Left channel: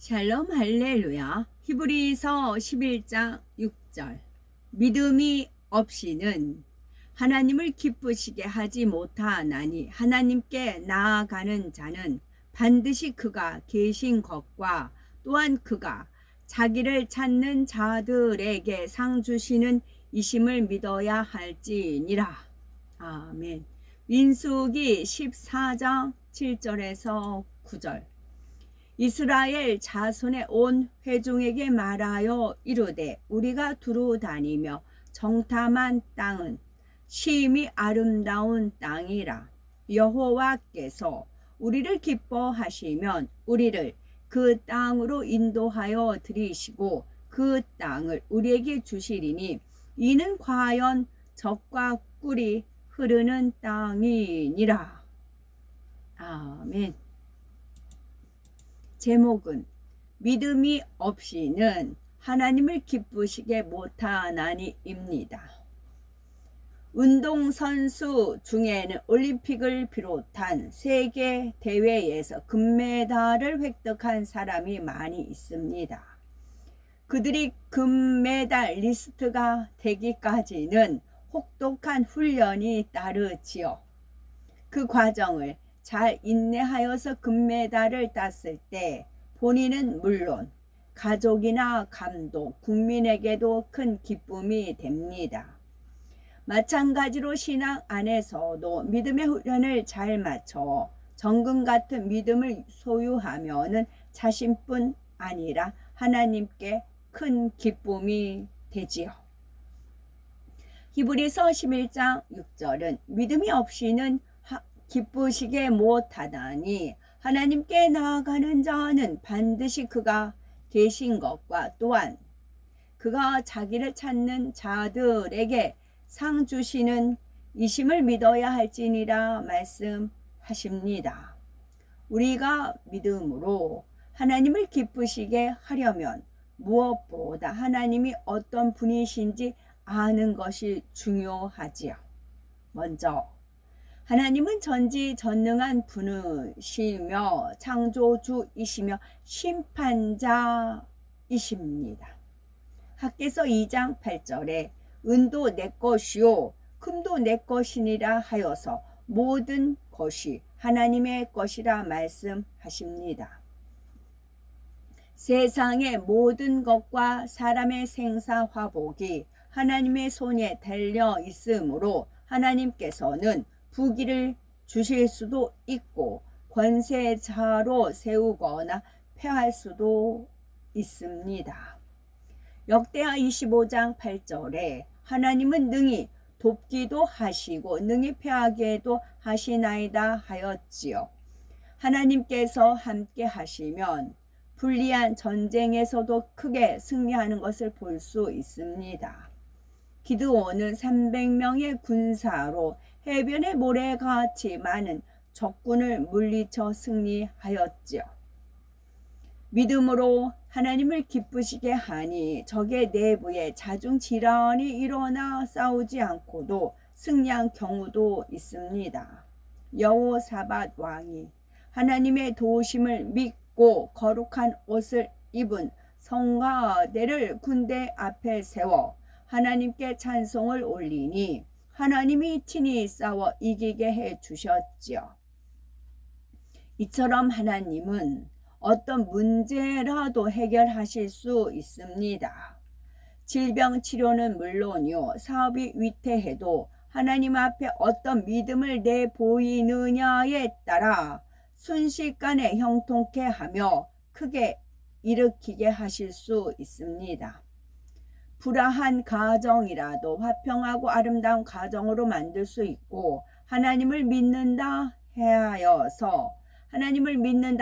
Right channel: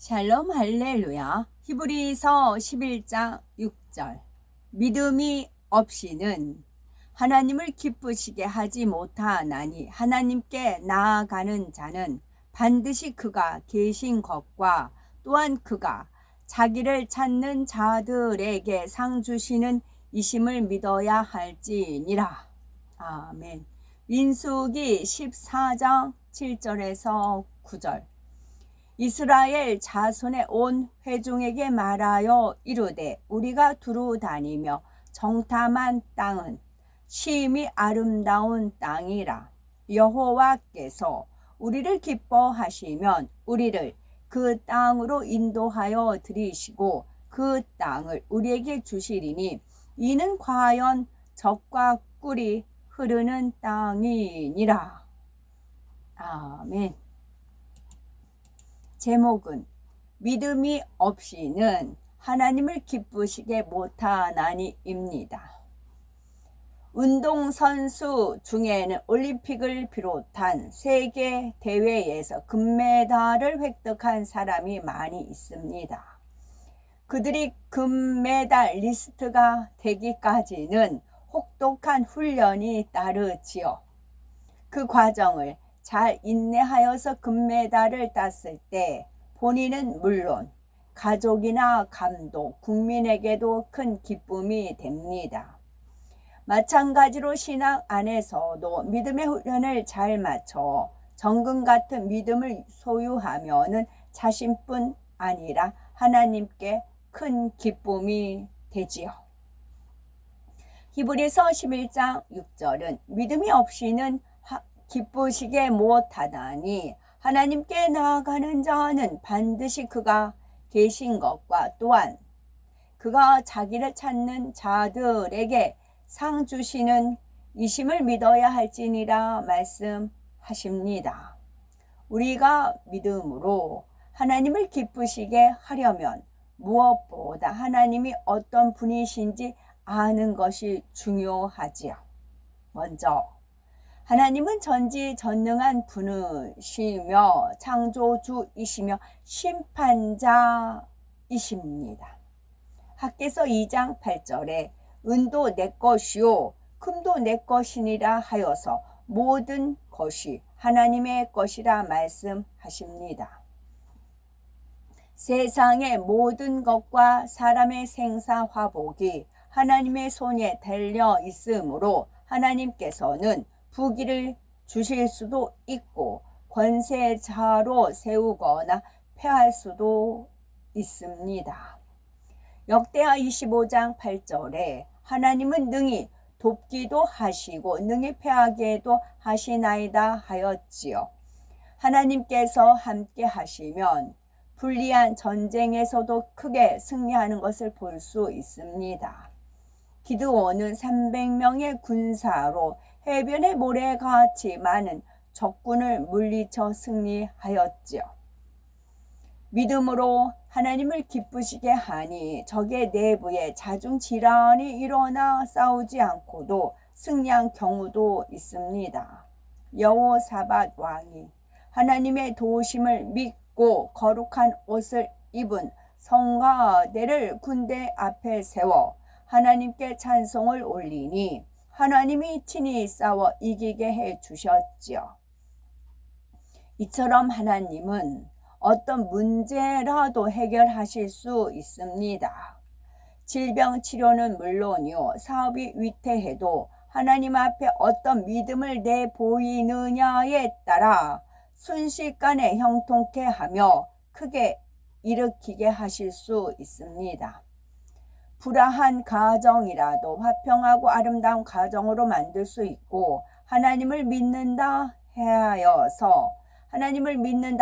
샬롬 할렐루야. 히브리서 11장 6절. 믿음이 없이는 하나님을 기쁘시게 하지 못하나니 하나님께 나아가는 자는 반드시 그가 계신 것과 또한 그가 자기를 찾는 자들에게 상 주시는 이심을 믿어야 할지니라. 아멘. 민수기 14장 7절에서 9절. 이스라엘 자손의 온 회중에게 말하여 이르되 우리가 두루 다니며 정탐한 땅은 심히 아름다운 땅이라. 여호와께서 우리를 기뻐하시면 우리를 그 땅으로 인도하여 들이시고 그 땅을 우리에게 주시리니 이는 과연 젖과 꿀이 흐르는 땅이니라. 아멘. 제목은 믿음이 없이는 하나님을 기쁘시게 못하나니입니다. 운동선수 중에는 올림픽을 비롯한 세계 대회에서 금메달을 획득한 사람이 많이 있습니다. 그들이 금메달 리스트가 되기까지는 혹독한 훈련이 따르지요. 그 과정을 잘 인내하여서 금메달을 땄을 때 본인은 물론 가족이나 감독, 국민에게도 큰 기쁨이 됩니다. 마찬가지로 신앙 안에서도 믿음의 훈련을 잘 맞춰 정금 같은 믿음을 소유하면은 자신뿐 아니라 하나님께 큰 기쁨이 되지요. 히브리서 11장 6절은 믿음이 없이는 기쁘시게 못하다니 하나님께 나아가는 자는 반드시 그가 계신 것과 또한 그가 자기를 찾는 자들에게 상 주시는 이심을 믿어야 할지니라 말씀하십니다. 우리가 믿음으로 하나님을 기쁘시게 하려면 무엇보다 하나님이 어떤 분이신지 아는 것이 중요하지요. 먼저 하나님은 전지전능한 분이시며 창조주이시며 심판자이십니다. 학개서 2장 8절에 은도 내 것이요 금도 내 것이니라 하여서 모든 것이 하나님의 것이라 말씀하십니다. 세상의 모든 것과 사람의 생사화복이 하나님의 손에 달려 있으므로 하나님께서는 부귀를 주실 수도 있고 권세자로 세우거나 폐할 수도 있습니다. 역대하 25장 8절에 하나님은 능히 돕기도 하시고 능히 패하게도 하시나이다 하였지요. 하나님께서 함께 하시면 불리한 전쟁에서도 크게 승리하는 것을 볼 수 있습니다. 기드온은 300명의 군사로 해변의 모래같이 많은 적군을 물리쳐 승리하였지요. 믿음으로 하나님을 기쁘시게 하니 적의 내부에 자중질환이 일어나 싸우지 않고도 승리한 경우도 있습니다. 여호사밧 왕이 하나님의 도우심을 믿고 거룩한 옷을 입은 성가대를 군대 앞에 세워 하나님께 찬송을 올리니 하나님이 친히 싸워 이기게 해 주셨지요. 이처럼 하나님은 어떤 문제라도 해결하실 수 있습니다. 질병 치료는 물론이요, 사업이 위태해도 하나님 앞에 어떤 믿음을 내보이느냐에 따라 순식간에 형통케 하며 크게 일으키게 하실 수 있습니다. 불화한 가정이라도 화평하고 아름다운 가정으로 만들 수 있고 하나님을 믿는다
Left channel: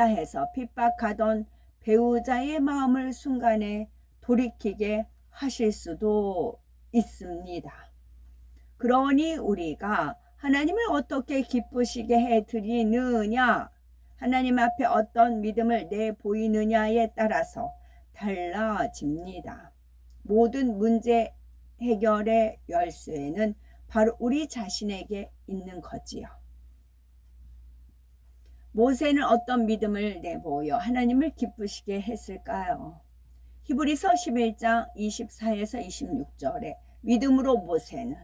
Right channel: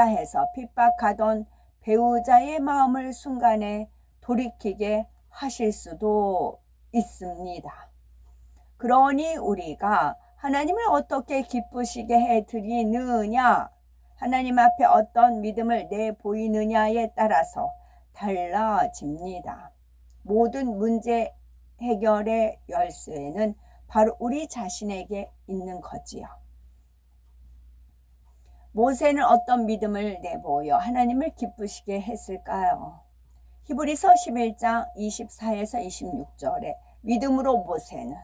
해서 핍박하던 배우자의 마음을 순간에 돌이키게 하실 수도 있습니다. 그러니 우리가 하나님을 어떻게 기쁘시게 해드리느냐, 하나님 앞에 어떤 믿음을 내보이느냐에 따라서 달라집니다. 모든 문제 해결의 열쇠는 바로 우리 자신에게 있는 거지요. 모세는 어떤 믿음을 내보여 하나님을 기쁘시게 했을까요? 히브리서 11장 24에서 26절에 믿음으로 모세는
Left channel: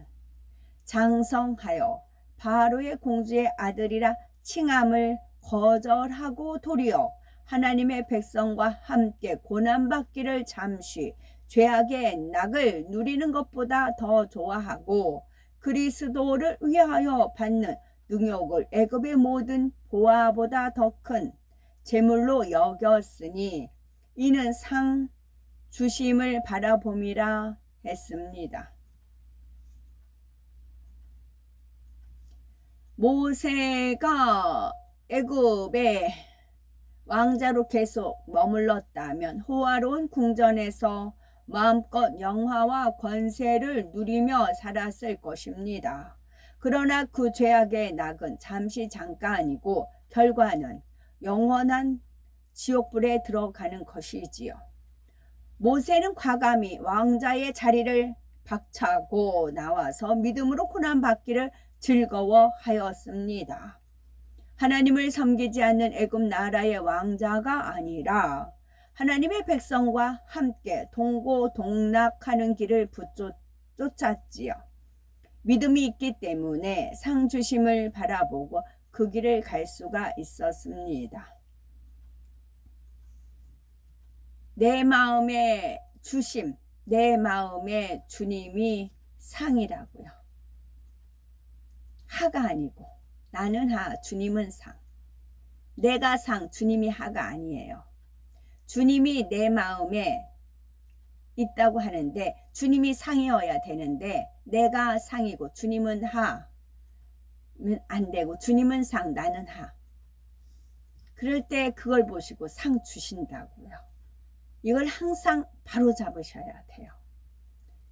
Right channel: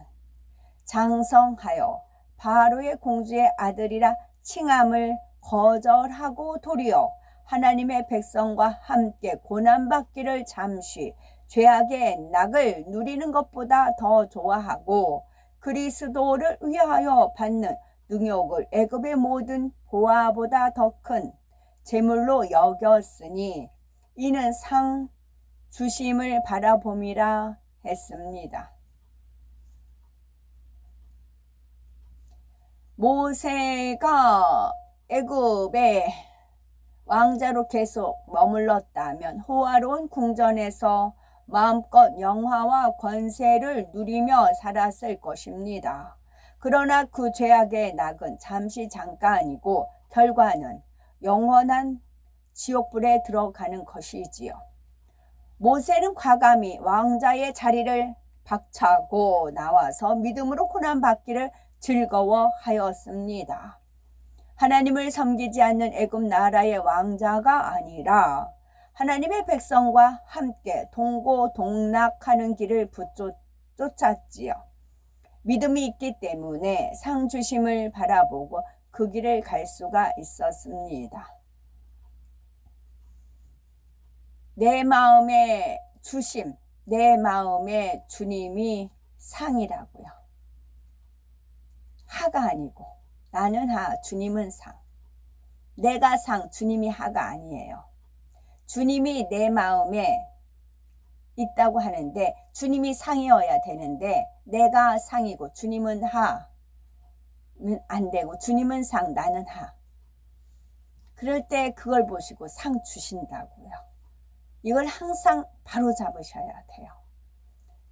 장성하여 바로의 공주의 아들이라 칭함을 거절하고 도리어 하나님의 백성과 함께 고난받기를 잠시 죄악의 낙을 누리는 것보다 더 좋아하고 그리스도를 위하여 받는 능욕을 애굽의 모든 보화보다 더 큰 재물로 여겼으니 이는 상 주심을 바라봄이라 했습니다. 모세가 애굽의 왕자로 계속 머물렀다면 호화로운 궁전에서 마음껏 영화와 권세를 누리며 살았을 것입니다. 그러나 그 죄악의 낙은 잠시 잠깐이고 결과는 영원한 지옥불에 들어가는 것이지요. 모세는 과감히 왕자의 자리를 박차고 나와서 믿음으로 고난받기를 즐거워하였습니다. 하나님을 섬기지 않는 애굽 나라의 왕자가 아니라 하나님의 백성과 함께 동고동락하는 길을 쫓았지요. 믿음이 있기 때문에 상 주심을 바라보고 그 길을 갈 수가 있었습니다. 내 마음의 주심, 내 마음의 주님이 상이라고요. 하가 아니고 나는 하, 주님은 상. 내가 상, 주님이 하가 아니에요. 주님이 내 마음에 있다고 하는데 주님이 상이어야 되는데 내가 상이고 주님은 하면 안 되고 주님은 상, 나는 하. 그럴 때 그걸 보시고 상 주신다고요. 이걸 항상 바로 잡으셔야 돼요.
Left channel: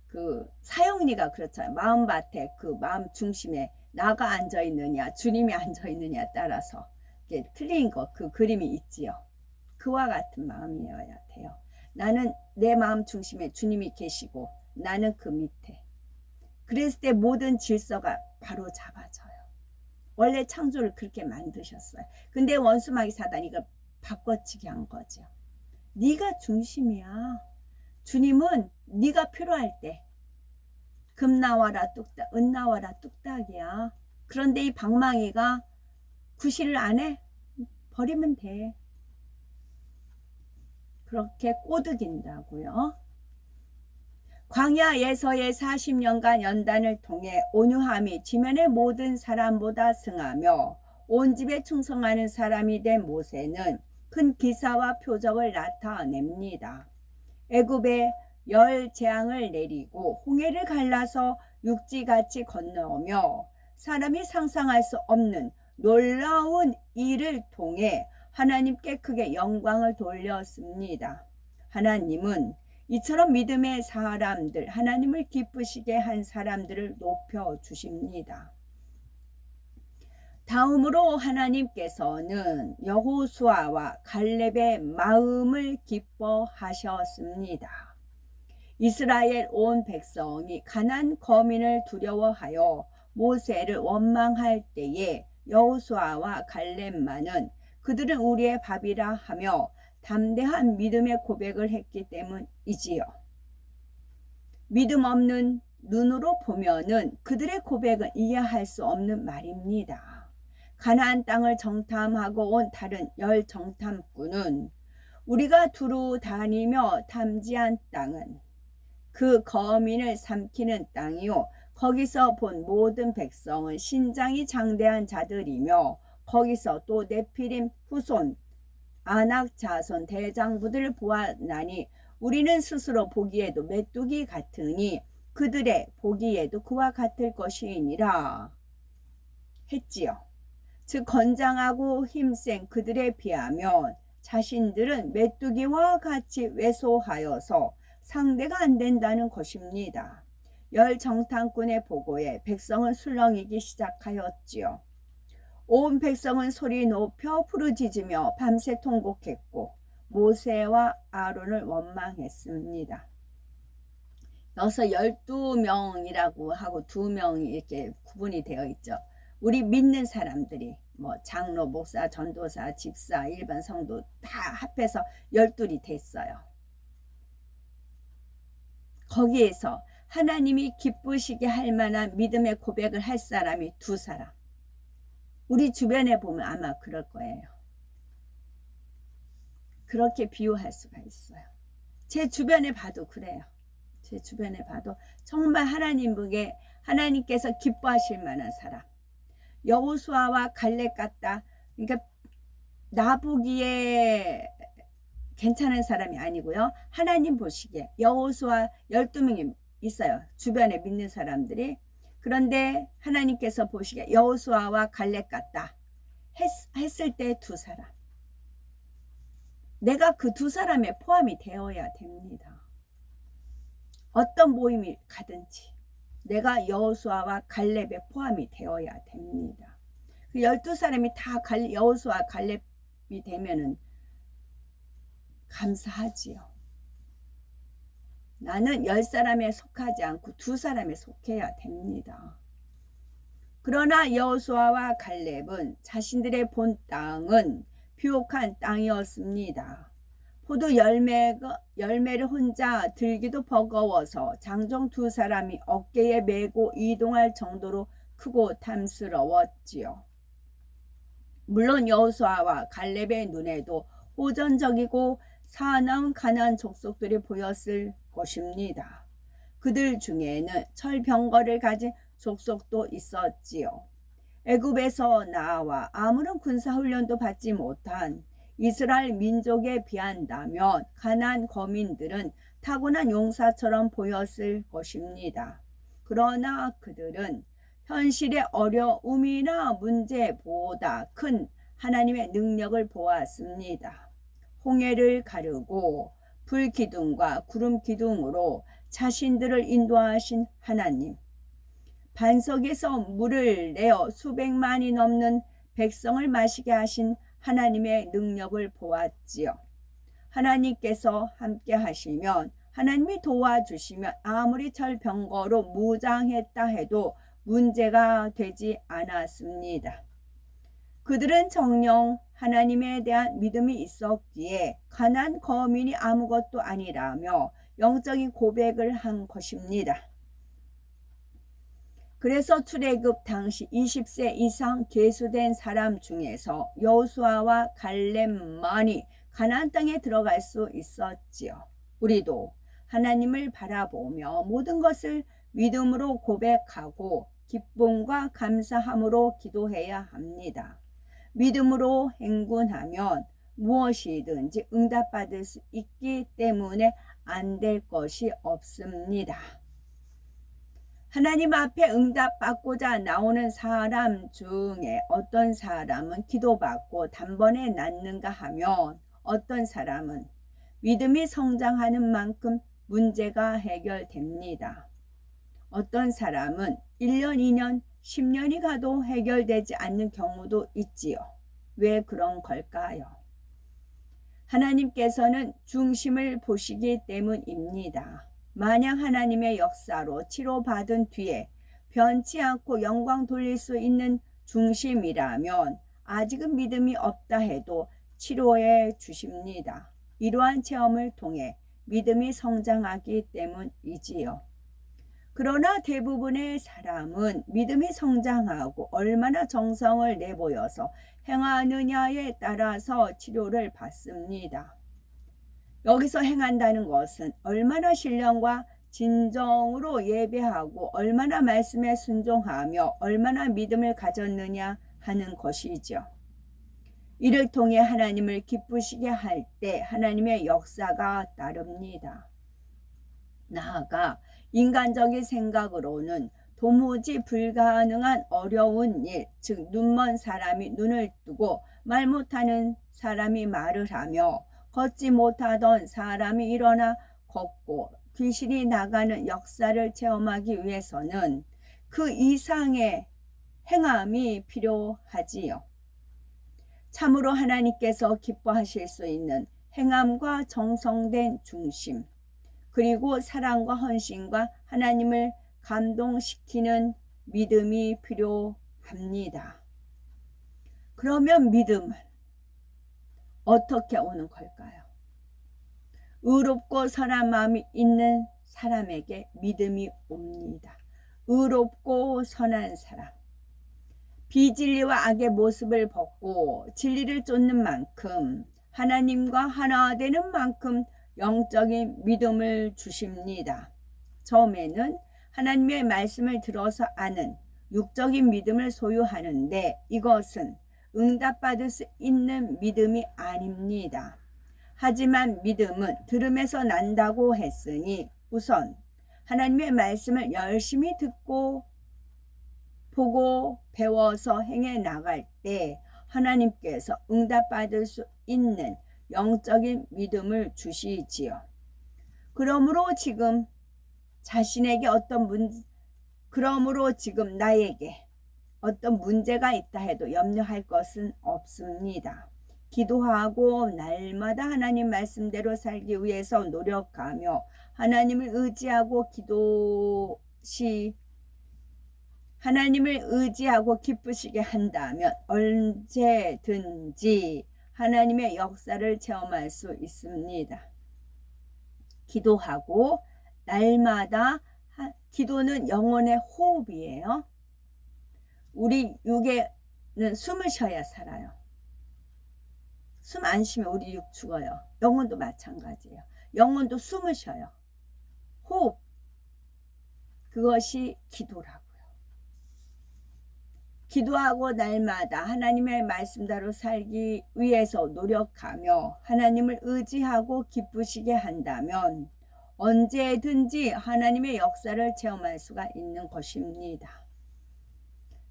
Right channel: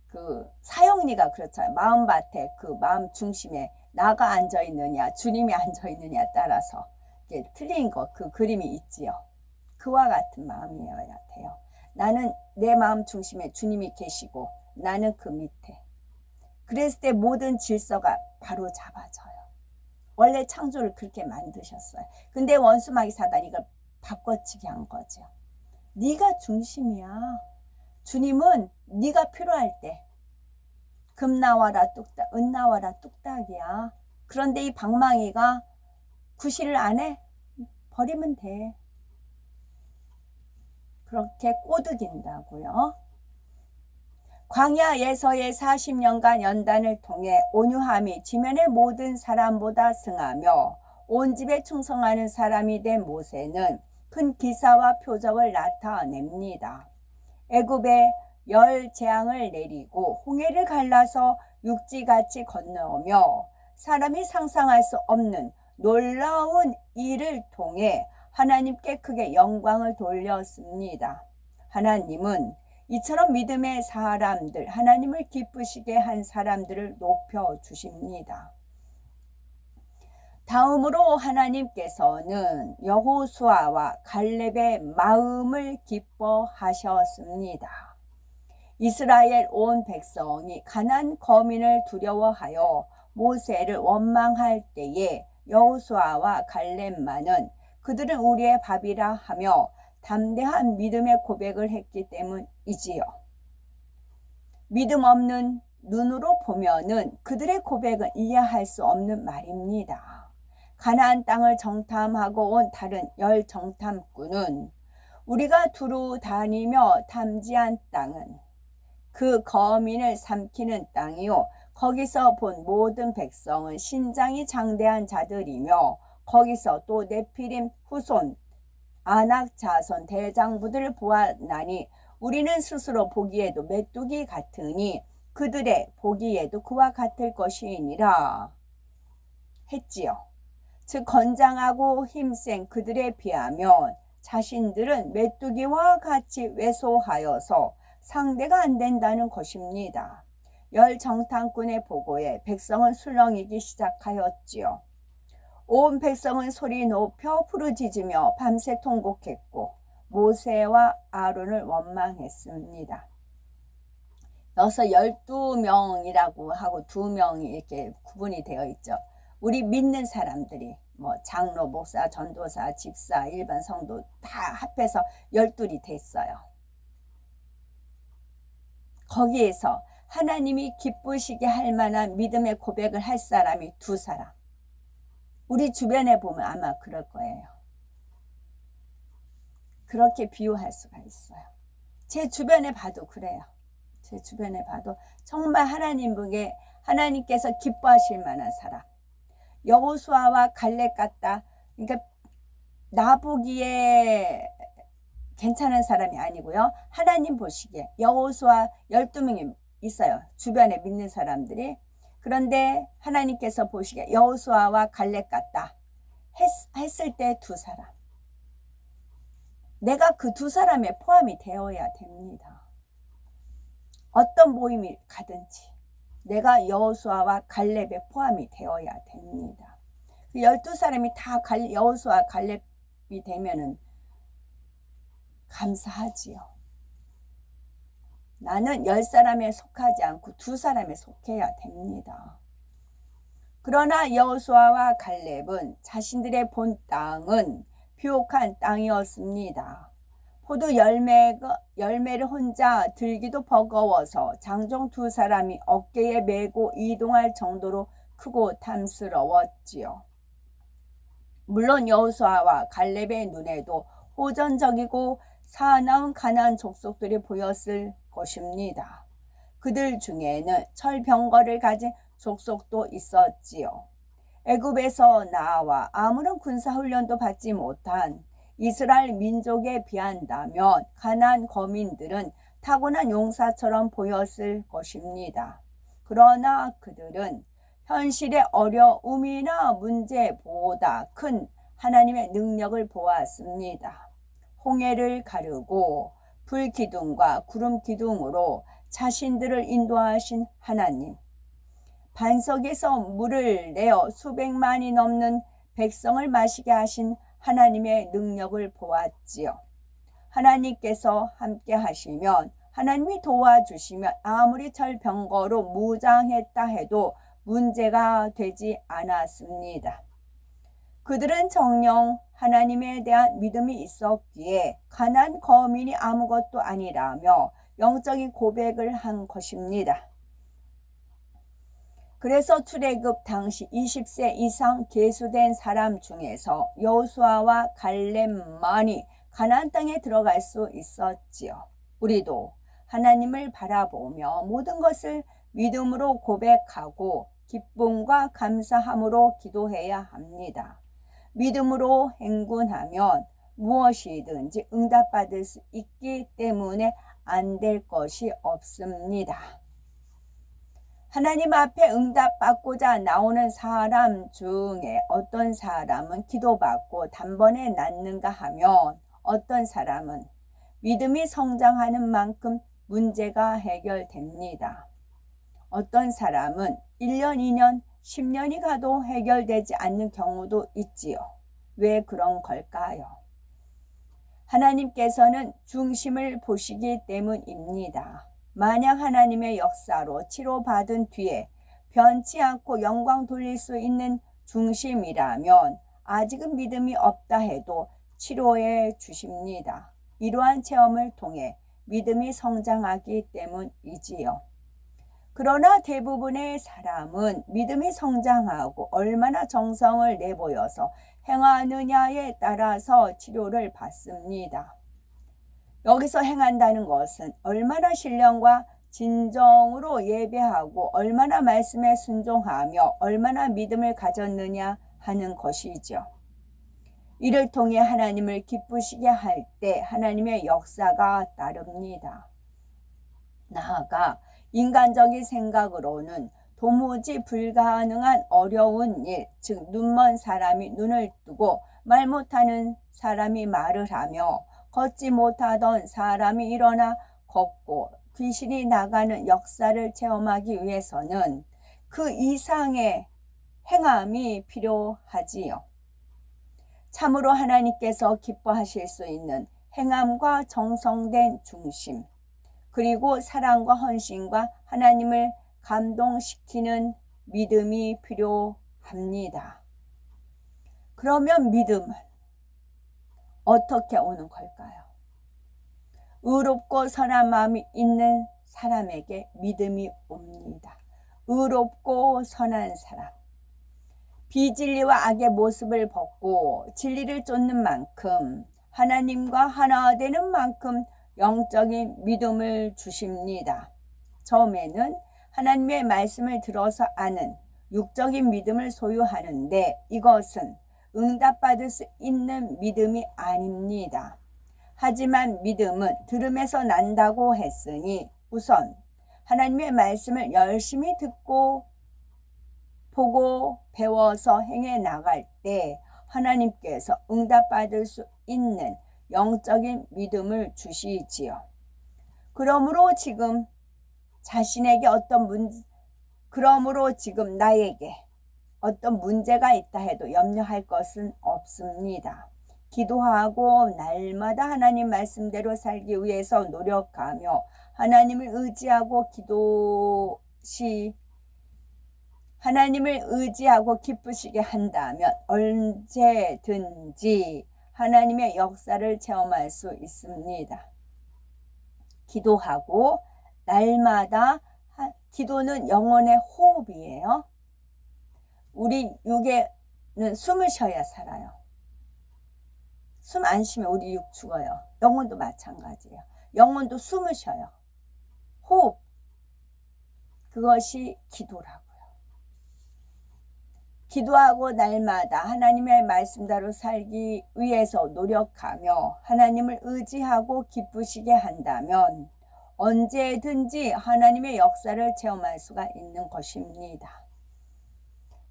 그 사형리가 그렇잖아요. 마음밭에 그 마음 중심에 나가 앉아 있느냐 주님이 앉아 있느냐에 따라서 이게 틀린 거 그 그림이 있지요. 그와 같은 마음이어야 돼요. 나는 내 마음 중심에 주님이 계시고 나는 그 밑에. 그랬을 때 모든 질서가 바로 잡아져요. 원래 창조를 그렇게 만드셨어요. 근데 원수마귀 사단이 이걸 바꿔치기 한 거죠. 네가 중심이야. 주님은 네가 필요할 때 금 나와라 뚝딱, 은 나와라 뚝딱이야. 그런데 이 방망이가 구실을 안 해? 버리면 돼. 그렇게 꼬드긴다고요. 광야에서의 40년간 연단을 통해 온유함이 지면의 모든 사람보다 승하며 온 집에 충성하는 사람이 된 모세는 큰 기사와 표적을 나타냅니다. 애굽에 열 재앙을 내리고 홍해를 갈라서 육지같이 건너오며 사람이 상상할 수 없는 놀라운 일을 통해 하나님께 크게 영광을 돌렸습니다. 하나님은 이처럼 믿음의 사람들, 하나님을 기쁘시게 한 사람들을 높여주십니다. 다음으로 하나님께서는 여호수아와 갈렙의 마음을 기뻐하셨습니다. 이스라엘 온 백성이 가나안 거민을 두려워하여 모세를 원망할 때에 여호수아와 갈렙만은 그들은 우리의 밥이라 하며 담대한 믿음의 고백을 했기 때문이지요. 믿음 없는 눈으로 보면은 그들의 고백은 이해할 수 없는 말입니다. 가나안 땅을 정탐하고 온 다른 열 정탐꾼은 우리가 두루 다니며 탐지한 땅은 그 거민을 삼키는 땅이요 거기서 본 모든 백성은 신장이 장대한 자들이며 거기서 또 네피림 후손 아낙 자손 대장부들을 보았나니 우리는 스스로 보기에도 메뚜기 같으니 그들의 보기에도 그와 같을 것이니라 했지요. 즉 건장하고 힘센 그들에 비하면 자신들은 메뚜기와 같이 왜소하여서 상대가 안 된다는 것입니다. 열 정탐꾼의 보고에 백성은 술렁이기 시작하였지요. 온 백성은 소리 높여 부르짖으며 밤새 통곡했고 모세와 아론을 원망했습니다. 여기서 12명이라고 하고 2명이 이렇게 구분이 되어 있죠. 우리 믿는 사람들이 뭐 장로, 목사, 전도사, 집사, 일반 성도 다 합해서 12이 됐어요. 거기에서 하나님이 기쁘시게 할 만한 믿음의 고백을 할 사람이 2사람. 우리 주변에 보면 아마 그럴 거예요. 그렇게 비유할 수가 있어요. 제 주변에 봐도 그래요. 제 주변에 봐도 정말 하나님께서 기뻐하실 만한 사람. 여호수아와 갈렙 같다. 그러니까 나보기에 괜찮은 사람이 아니고요. 하나님 보시기에 여호수아 12명이 있어요. 주변에 믿는 사람들이. 그런데 하나님께서 보시기에 여호수아와 갈렙 같다 했을 때 2사람. 내가 그 2사람에 포함이 되어야 됩니다. 어떤 모임이 가든지 내가 여호수아와 갈렙에 포함이 되어야 됩니다. 그 12사람이 다 여호수아 갈렙이 되면은 감사하지요. 나는 10사람에 속하지 않고 2사람에 속해야 됩니다. 그러나 여호수아와 갈렙은 자신들의 본 땅은 비옥한 땅이었습니다. 포도 열매를 혼자 들기도 버거워서 장정 2사람이 어깨에 메고 이동할 정도로 크고 탐스러웠지요. 물론 여호수아와 갈렙의 눈에도 호전적이고 사나운 가나안 족속들이 보였을 것입니다. 그들 중에는 철병거를 가진 족속도 있었지요. 애굽에서 나와 아무런 군사훈련도 받지 못한 이스라엘 민족에 비한다면 가나안 거민들은 타고난 용사처럼 보였을 것입니다. 그러나 그들은 현실의 어려움이나 문제보다 큰 하나님의 능력을 보았습니다. 홍해를 가르고 불기둥과 구름기둥으로 자신들을 인도하신 하나님, 반석에서 물을 내어 수백만이 넘는 백성을 마시게 하신 하나님의 능력을 보았지요. 하나님께서 함께 하시면, 하나님이 도와주시면 아무리 철병거로 무장했다 해도 문제가 되지 않았습니다. 그들은 정녕 하나님에 대한 믿음이 있었기에 가나안 거민이 아무것도 아니라며 영적인 고백을 한 것입니다. 그래서 출애굽 당시 20세 이상 계수된 사람 중에서 여호수아와 갈렙만이 가나안 땅에 들어갈 수 있었지요. 우리도 하나님을 바라보며 모든 것을 믿음으로 고백하고 기쁨과 감사함으로 기도해야 합니다. 믿음으로 행군하면 무엇이든지 응답받을 수 있기 때문에 안 될 것이 없습니다. 하나님 앞에 응답받고자 나오는 사람 중에 어떤 사람은 기도받고 단번에 낫는가 하면 어떤 사람은 믿음이 성장하는 만큼 문제가 해결됩니다. 어떤 사람은 1년, 2년, 10년이 가도 해결되지 않는 경우도 있지요. 왜 그런 걸까요? 하나님께서는 중심을 보시기 때문입니다. 만약 하나님의 역사로 치료받은 뒤에 변치 않고 영광 돌릴 수 있는 중심이라면 아직은 믿음이 없다 해도 치료해 주십니다. 이러한 체험을 통해 믿음이 성장하기 때문이지요. 그러나 대부분의 사람은 믿음이 성장하고 얼마나 정성을 내보여서 행하느냐에 따라서 치료를 받습니다. 여기서 행한다는 것은 얼마나 신령과 진정으로 예배하고 얼마나 말씀에 순종하며 얼마나 믿음을 가졌느냐 하는 것이죠. 이를 통해 하나님을 기쁘시게 할 때 하나님의 역사가 따릅니다. 나아가 인간적인 생각으로는 도무지 불가능한 어려운 일, 즉 눈먼 사람이 눈을 뜨고 말 못하는 사람이 말을 하며 걷지 못하던 사람이 일어나 걷고 귀신이 나가는 역사를 체험하기 위해서는 그 이상의 행함이 필요하지요. 참으로 하나님께서 기뻐하실 수 있는 행함과 정성된 중심, 그리고 사랑과 헌신과 하나님을 감동시키는 믿음이 필요합니다. 그러면 믿음은 어떻게 오는 걸까요? 의롭고 선한 마음이 있는 사람에게 믿음이 옵니다. 의롭고 선한 사람. 비진리와 악의 모습을 벗고 진리를 쫓는 만큼, 하나님과 하나 되는 만큼 영적인 믿음을 주십니다. 처음에는 하나님의 말씀을 들어서 아는 육적인 믿음을 소유하는데 이것은 응답받을 수 있는 믿음이 아닙니다. 하지만 믿음은 들음에서 난다고 했으니 우선 하나님의 말씀을 열심히 듣고 보고 배워서 행해 나갈 때 하나님께서 응답받을 수 있는 영적인 믿음을 주시지요. 그러므로 지금 나에게 어떤 문제가 있다 해도 염려할 것은 없습니다. 기도하고 날마다 하나님 말씀대로 살기 위해서 노력하며 하나님을 의지하고 기쁘시게 한다면 언제든지 하나님의 역사를 체험할 수 있습니다. 기도하고 날마다 기도는 영혼의 호흡이에요. 우리 육에는 숨을 쉬어야 살아요. 숨 안 쉬면 우리 육 죽어요. 영혼도 마찬가지예요. 영혼도 숨을 쉬어요. 호흡. 그것이 기도라고요. 기도하고 날마다 하나님의 말씀대로 살기 위해서 노력하며 하나님을 의지하고 기쁘시게 한다면 언제든지 하나님의 역사를 체험할 수가 있는 것입니다.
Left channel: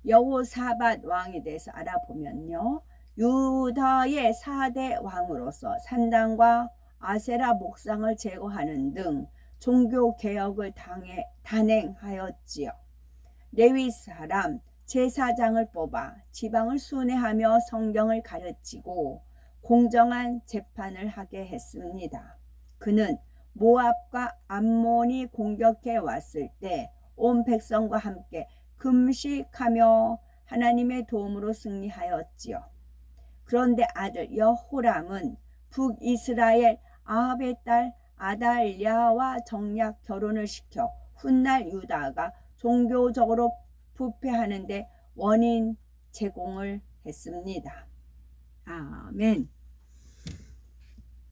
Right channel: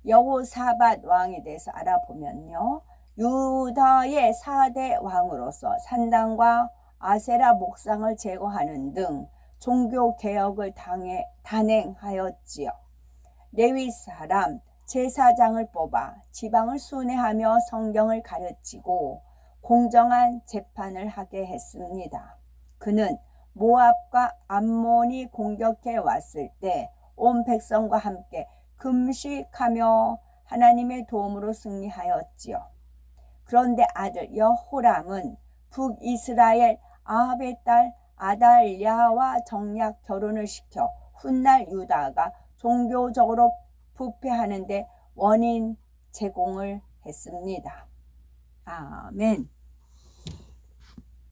여호사밧 왕에 대해서 알아보면요. 유다의 4대 왕으로서 산당과 아세라 목상을 제거하는 등 종교 개혁을 단행하였지요. 레위 사람 제사장을 뽑아 지방을 순회하며 성경을 가르치고 공정한 재판을 하게 했습니다. 그는 모압과 암몬이 공격해 왔을 때 온 백성과 함께 금식하며 하나님의 도움으로 승리하였지요. 그런데 아들 여호람은 북이스라엘 아합의 딸 아달랴와 정략 결혼을 시켜 훗날 유다가 종교적으로 부패하는데 원인 제공을 했습니다. 아멘.